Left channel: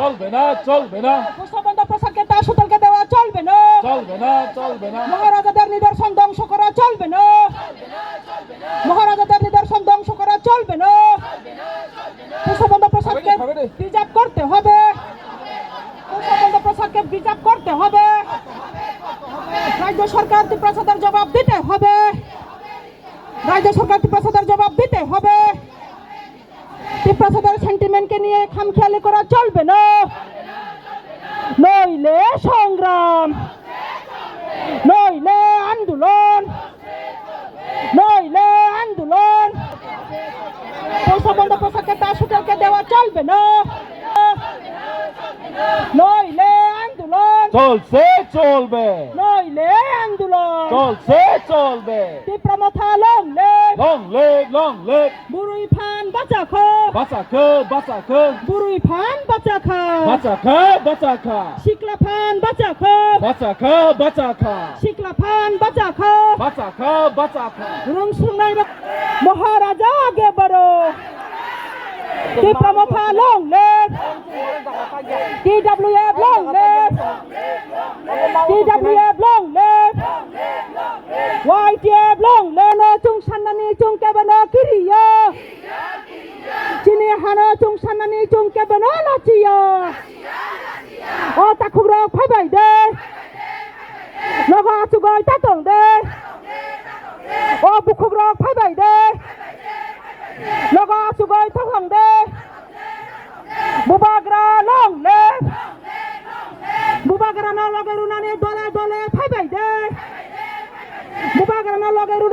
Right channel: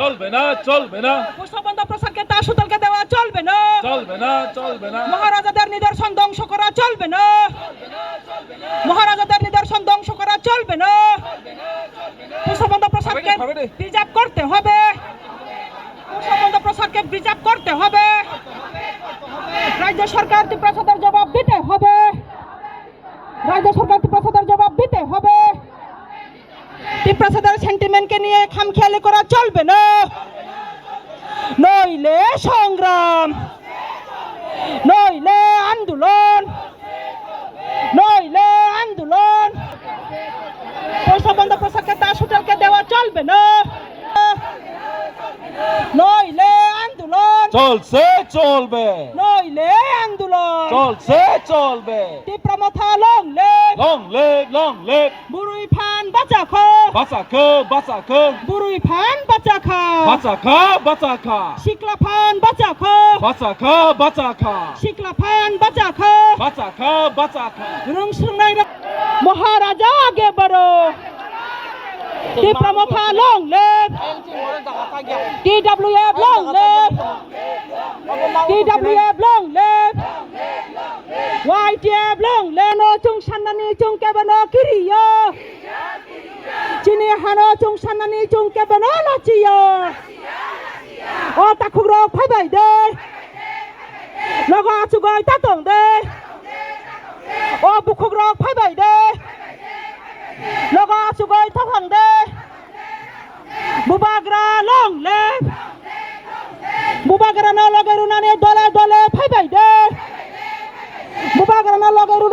চলবে না চলবে না পুষ্পবন্ধ প্রসাদকে তা সুতলকে দেওয়া চলবে না চলবে না চলবে না মহারাজাদের নিদর্শন ধ্বংস করা চলবে না মহারাজাদের নিদর্শন ধ্বংস করা চলবে না পুষ্পবন্ধ প্রসাদকে প্রিজার্ভ করতে হবে পুষ্পবন্ধ প্রসাদকে প্রিজার্ভ করতে হবে রাজ্য সরকার ত্রিপ্রাসাদের জবাব দিতে হবে রাজ্য সরকার ত্রিপ্রাসাদের জবাব দিতে হবে ত্রিপ্রাসাদের সেন্টিমেন্টকে নিয়ে খামখেয়ালি করা চলবে না নইলে সংগ্রাম নইলে আন্দোলন নইলে আন্দোলন পুষ্পবন্ধ প্রসাদকে তার সুতলকে দেওয়া চলবে না নইলে আন্দোলন চলছে চলবে নইলে আন্দোলন চলছে চলবে টিপ্রামাথা লং লিভ বুড়ুই ফান বাঁচা খা বাঁচা খো বুড়ুই ফান বাঁচা খা বাঁচা খা শিকলা ফান বাঁচা খা বাঁচা খা শিকলা ফান বাঁচা খা বাঁচা খা রংসংনাই মহারাজা আগে বড় Tipra Motha long live TWF long live TWF long live YTF long live no chung sanani chung kebano kiriyo chini hano chung sanani chung kebano no chiyo o takugro phabai de logo chugoi ta tong de o bukugro phabai de logo chugoi ta hang de bubagra long live bubagra na logerunane dole dole phabai de bubagra na logeru